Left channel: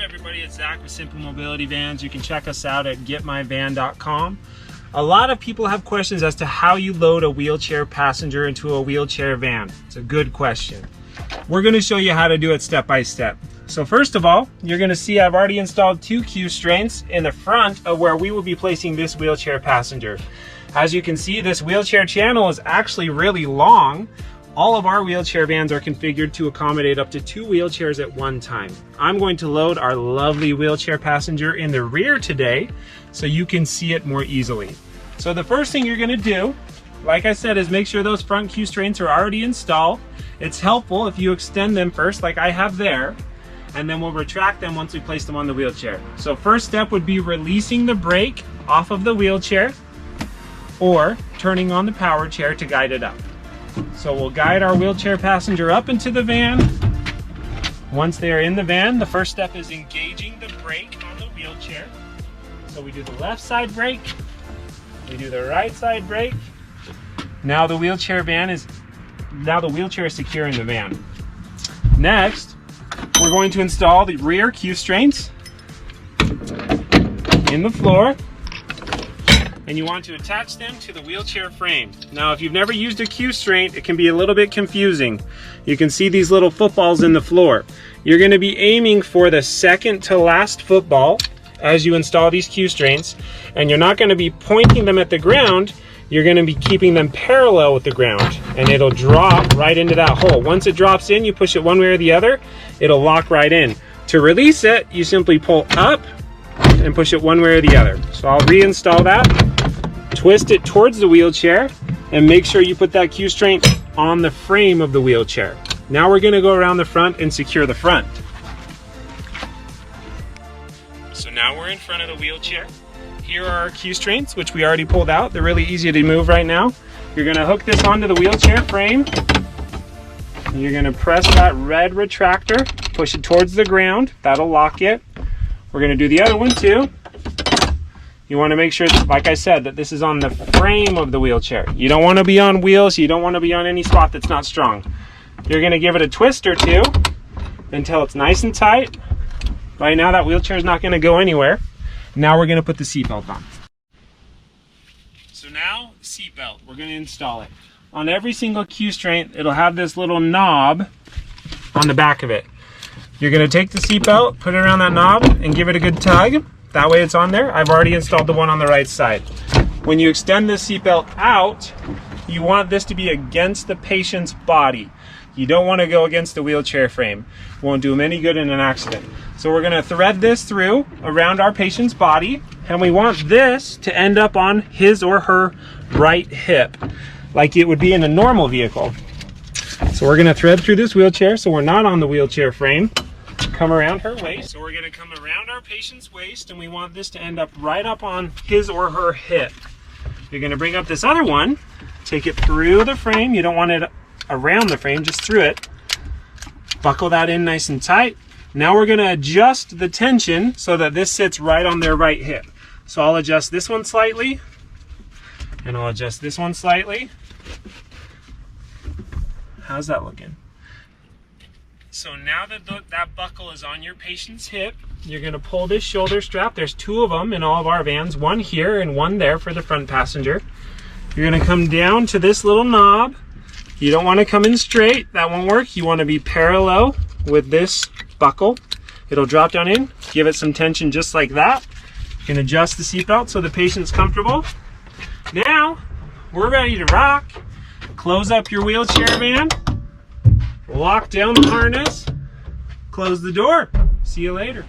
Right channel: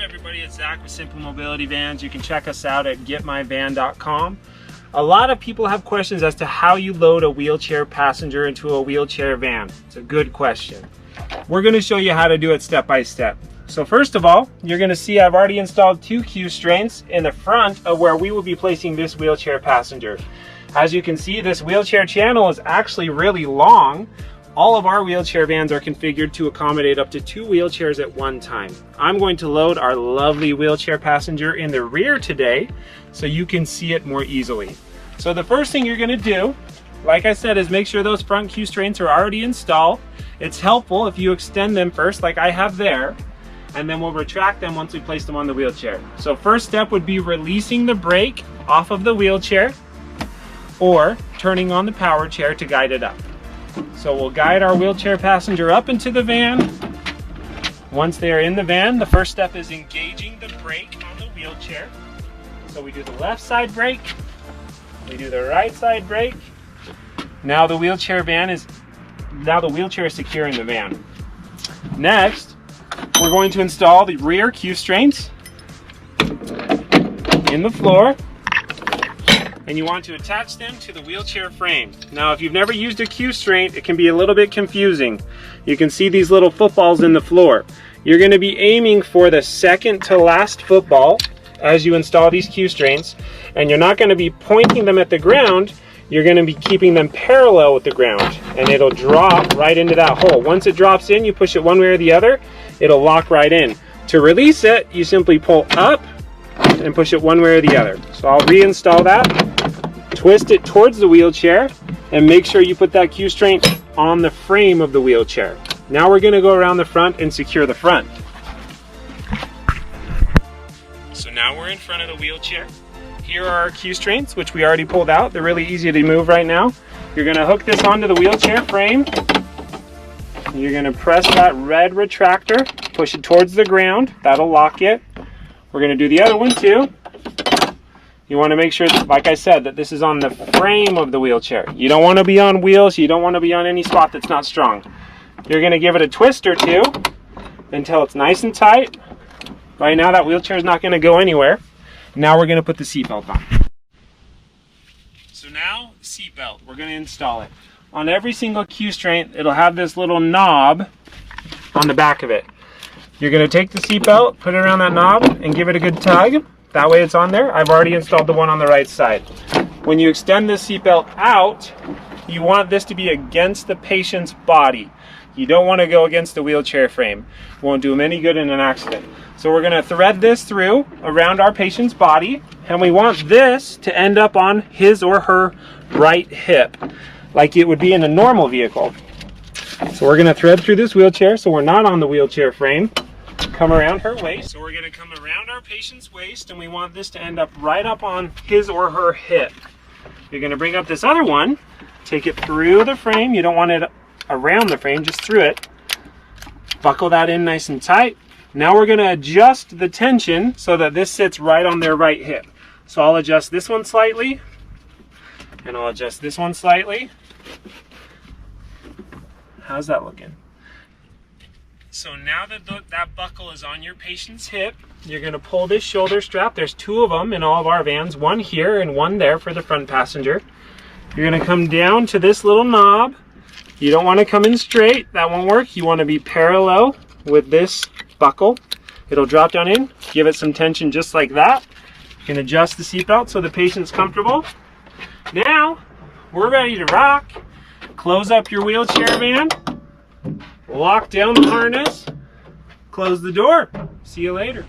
up, everybody? It's Zach with Simple Mobility Vans. You can check us out at getmyvan.com. A lot of people have questions as to how you load a wheelchair passenger into a wheelchair van. It's a good question. We're going to show you how to do it step by step. So first of all, you're going to see I've already installed 2 Q-straints in the front of where we will be placing this wheelchair passenger. As you can see, this wheelchair channel is actually really long. All of our wheelchair vans are configured to accommodate up to 2 wheelchairs at one time. I'm going to load our lovely wheelchair passenger in the rear today so you can see it more easily. So the first thing you're going to do, like I said, is make sure those front Q-straints are already installed. It's helpful if you extend them first, like I have there, and then we'll retract them once we place them on the wheelchair. So first step would be releasing the brake off of the wheelchair or turning on the power chair to guide it up. So we'll guide our wheelchair passenger up into the van. Once they are in the van, the first step is engaging the brake on the wheelchair. So we do the left side brake, we do the right side brake. Now the wheelchair is secure in the van. Next, we're going to install the rear Q-straints in the floor, and you want to attach them to the wheelchair frame. Now, if you've never used a Q-straint, it can be a little bit confusing. You can see these little footballs in the floor. You're going to be aiming for the second to last football as you install these Q-straints, and you're not going to be pointing them at the ground. You're going to be keeping them parallel with the ground, and it'll drop right into that hole. Once it drops in, you push it one way or the other, it'll lock right in. To release it, you simply pull up and push it one way or the other. So I'll reinstall that, twist it towards the wheelchair, and make sure you put that Q-straint on the frame of the wheelchair. Now we're going to go around the front and secure the front. So now we're in front of the wheelchair. Here are our Q-straints, which we already pulled out. They're really easy to move right now. You're going to hook this onto the wheelchair frame. You're going to press that red retractor, push it towards the ground. That'll lock it. We're going to do the other one too. You want to make sure, like I said, that this is on the frame of the wheelchair. You don't want to be on wheels. You don't want to be on any spot that's not strong. You're going to give it a twist or two until it's nice and tight. Right now that wheelchair is not going to go anywhere. Now we're going to put the seatbelt on. So now, seatbelt, we're going to install it. On every single Q-straint, it'll have this little knob on the back of it. You're going to take the seatbelt, put it around that knob, and give it a good tug. That way it's on there. I've already installed the one on the right side. When you extend this seatbelt out, you want this to be against the patient's body. You don't want to go against the wheelchair frame. It won't do them any good in an accident. So we're going to thread this through around our patient's body, and we want this to end up on his or her right hip, like it would be in a normal vehicle. So we're going to thread through this wheelchair so we're not on the wheelchair frame. Come around her waist. So we're going to come around our patient's waist, and we want this to end up right up on his or her hip. You're going to bring up this other one, take it through the frame. You don't want it around the frame, just through it. Buckle that in nice and tight. Now we're going to adjust the tension so that this sits right on their right hip. So I'll adjust this one slightly, and I'll adjust this one slightly. How's that looking? So now that that buckle is on your patient's hip, you're going to pull this shoulder strap. There's 2 of them in all of our vans, one here and one there for the front passenger. You're going to come down to this little knob. You don't want to come in straight. That won't work. You want to be parallel with this buckle. It'll drop down in. Give it some tension just like that. You can adjust the seatbelt so the patient's comfortable. Now, we're ready to rock. Close up your wheelchair van. Lock down the harness. Close the door. See you later.